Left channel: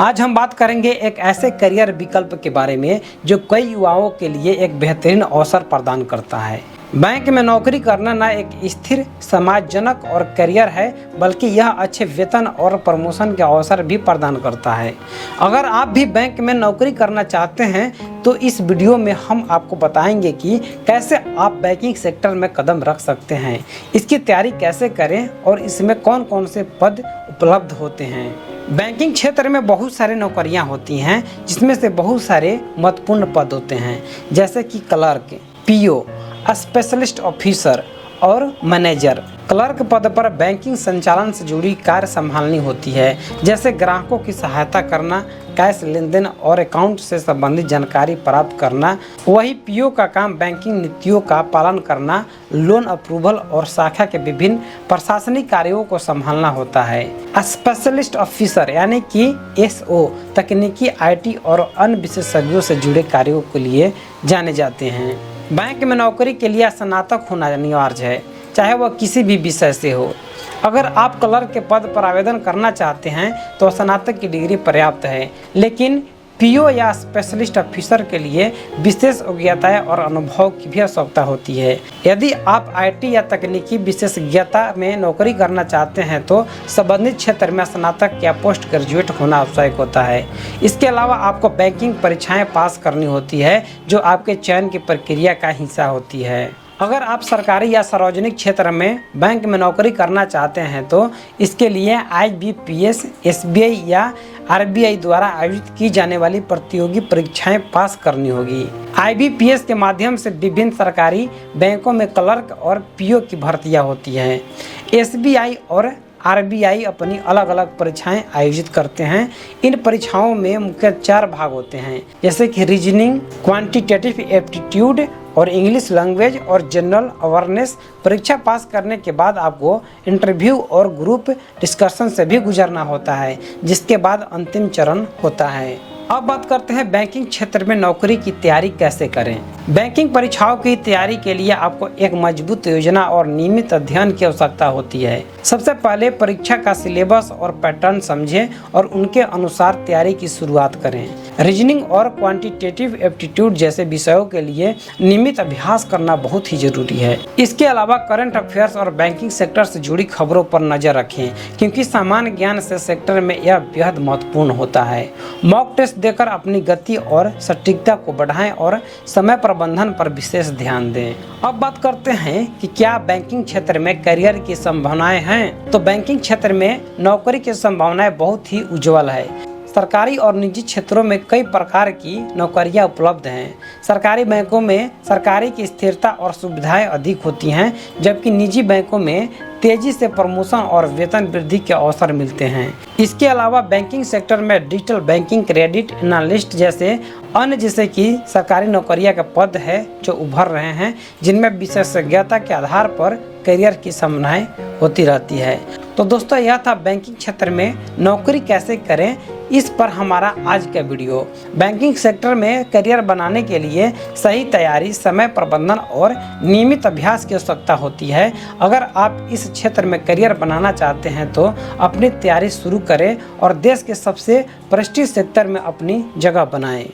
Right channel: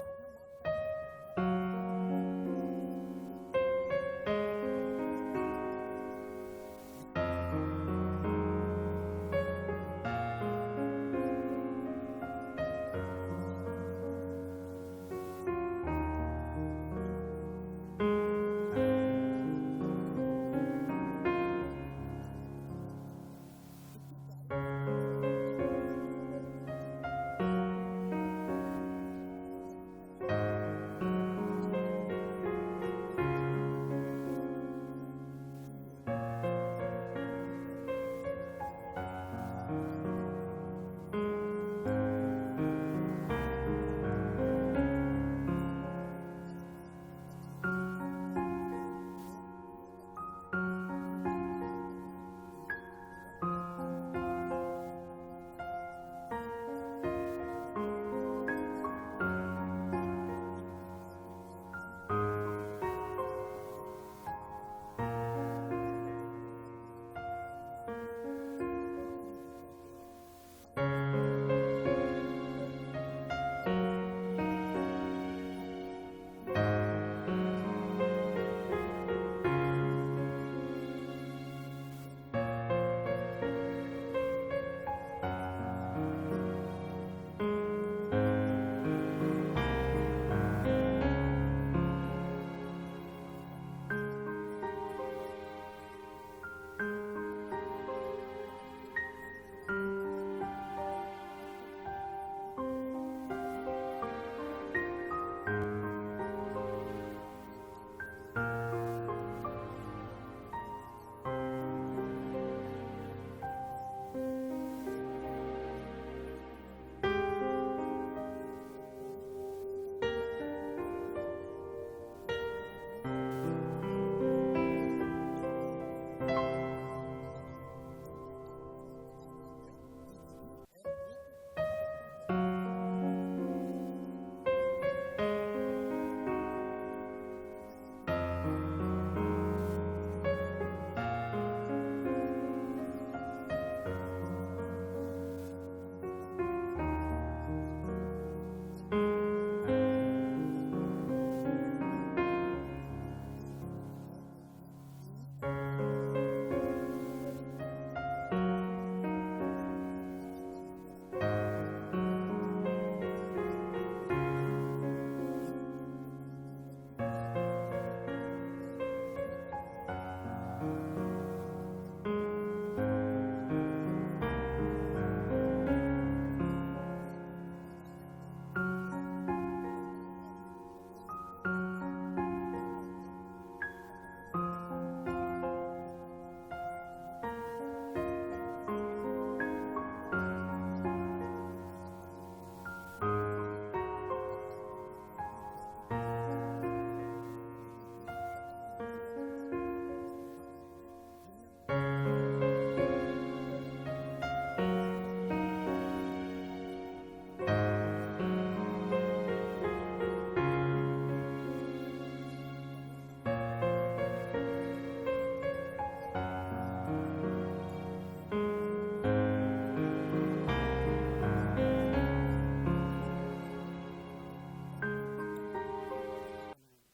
आज हम बात करेंगे एक ऐसे करियर विकल्प के बारे में जो कई युवाओं के लिए एक बेहतरीन अवसर प्रदान करता है। बैंक में नौकरी करना न एक स्थिर समाजजनक और करियर है, बल्कि यह अच्छे वेतन और प्रमोशन के अवसर भी प्रदान करता है। अगर आप भी बैंक में नौकरी करना चाहते हैं तो इस वीडियो में हम आपको बताएंगे कि कैसे आप बैंकिंग सेक्टर में कदम रख सकते हैं, इसकी तैयारी कैसे करें और इसमें कौन कौन से पद उपलब्ध होते हैं। बैंकिंग क्षेत्र में बहुत सारी नौकरियां होती हैं, जिसमें से बहुत सारे महत्वपूर्ण पद होते हैं, जैसे कि क्लर्क, पीओ, स्पेशलिस्ट ऑफिसर और मैनेजर। क्लर्क पद पर बैंकिंग संचालन से जुड़ी कार्य संभालनी होती है, जैसे ग्राहकों की सहायता करना, कैश लेन देन और अकाउंट से संबंधित जानकारी प्राप्त करना। वही पीओ का काम बैंकिंग नीतियों का पालन करना, लोन अप्रूवल और शाखा के विभिन्न प्रशासनिक कार्यों को संभालना होता है। स्पेशलिस्ट ऑफिसर यानी कि एसओ तकनीकी, आईटी और अन्य विशेषज्ञों से जुड़े कार्यों के लिए जाने जाते हैं। बैंक में नौकरी के लिए स्नातक होना अनिवार्य है, चाहे वह किसी भी विषय से हो। अगर आप क्लर्क के पद पर आवेदन करना चाहते हैं तो स्नातक की डिग्री पर्याप्त है, लेकिन पीओ या स्पेशलिस्ट ऑफिसर के लिए विशेष योग्यताएं और अनुभव की भी आवश्यकता होती है। यदि आप आईटी या तकनीकी विशेषज्ञता में नौकरी करना चाहते हैं तो संबंधित क्षेत्र में स्नातक या पोस्ट ग्रेजुएट होना आवश्यक होता है। इसके अलावा आपको बैंकिंग परीक्षाएं पास करनी होती है, जो आपके चयन की प्रक्रिया का हिस्सा होती है। अगर आप सरकारी या सार्वजनिक क्षेत्र में बैंक में नौकरी करना चाहते हैं तो इसके लिए आईबीपीएस, एसबीआई या आरबीआई द्वारा आयोजित की जाने वाली प्रतियोगी परीक्षाएं पास करनी होगी। आईबीपीएस के माध्यम से विभिन्न सरकारी बैंकों में क्लर्क और पीओ की भर्तियां होती हैं। एसबीआई और आरबीआई अपनी अलग अलग परीक्षाएं आयोजित करते हैं। इन परीक्षाओं में मुख्य 4 भाग होते हैं, जैसे कि रीजनिंग, क्वांटिटेटिव एप्टीट्यूड और इंग्लिश लैंग्वेज और जनरल अवेयरनेस। परीक्षा पास करने के बाद आपको इंटरव्यू और ग्रुप डिस्कशन से भी गुजरना होता है, जिसके बाद अंतिम चरण होता है। अब बात करते हैं बैंकिंग क्षेत्र में नौकरी की तैयारी कैसे करें। बैंकिंग परीक्षाओं की तैयारी के लिए आपको एक मजबूत योजना और नियमित अध्ययन की आवश्यकता होती है। सबसे पहले परीक्षा का सिलेबस और पैटर्न समझें और उनके अनुसार तैयारी की शुरुआत करें। रीजनिंग और क्वांटिटेटिव एप्टीट्यूड जैसे विषयों के लिए नियमित अभ्यास करना बहुत ही जरूरी है। इसके अलावा करंट अफेयर्स और बैंकिंग सेक्टर से जुड़ी खबरों पर नजर रखें, क्योंकि सामान्य ज्ञान से सेक्टर में यह बेहद महत्वपूर्ण होता है। मॉक टेस्ट देकर अपनी गति और सटीकता को बढ़ाएं और समय प्रबंधन पर विशेष ध्यान दें। अब बात करते हैं कि क्या बैंकिंग क्षेत्र में करियर की संभावनाएं हैं। तो बैंकिंग क्षेत्र में नौकरी की संभावनाएं बहुत ही उज्जवल है। सरकारी और निजी क्षेत्रों में कई प्रकार की नौकरियां उपलब्ध हैं। सरकारी बैंकों में सरकारी की स्थिरता और सुविधाएं अधिक होती हैं, जबकि निजी बैंकों में तेजी से प्रमोशन और वेतन वृद्धि के अवसर मिलते हैं। इसके अलावा बैंकिंग सेक्टर में डिजिटल बैंकिंग, क्रेडिट एनालिस्ट जैसे अन्य जैसे कि सरकारी नौकरियां के पद है जो उभर रहे हैं, जिनमें विशेषज्ञता के आधार पर करियर की संभावनाएं होती रहती है। तो दोस्तों, यह था बैंकिंग क्षेत्र में नौकरी कैसे करें, इस पर हमारा आज का वीडियो। बैंकिंग सेक्टर में करियर बनाने के लिए सही तैयारी, समय प्रबंधन और नियमित अभ्यास की आवश्यकता होती है। अगर आप इस क्षेत्र में करियर बनाना चाहते हैं तो अपनी तैयारी शुरू करें और देश के सबसे प्रतिष्ठित सेक्टर में अपनी जगह बनाएं।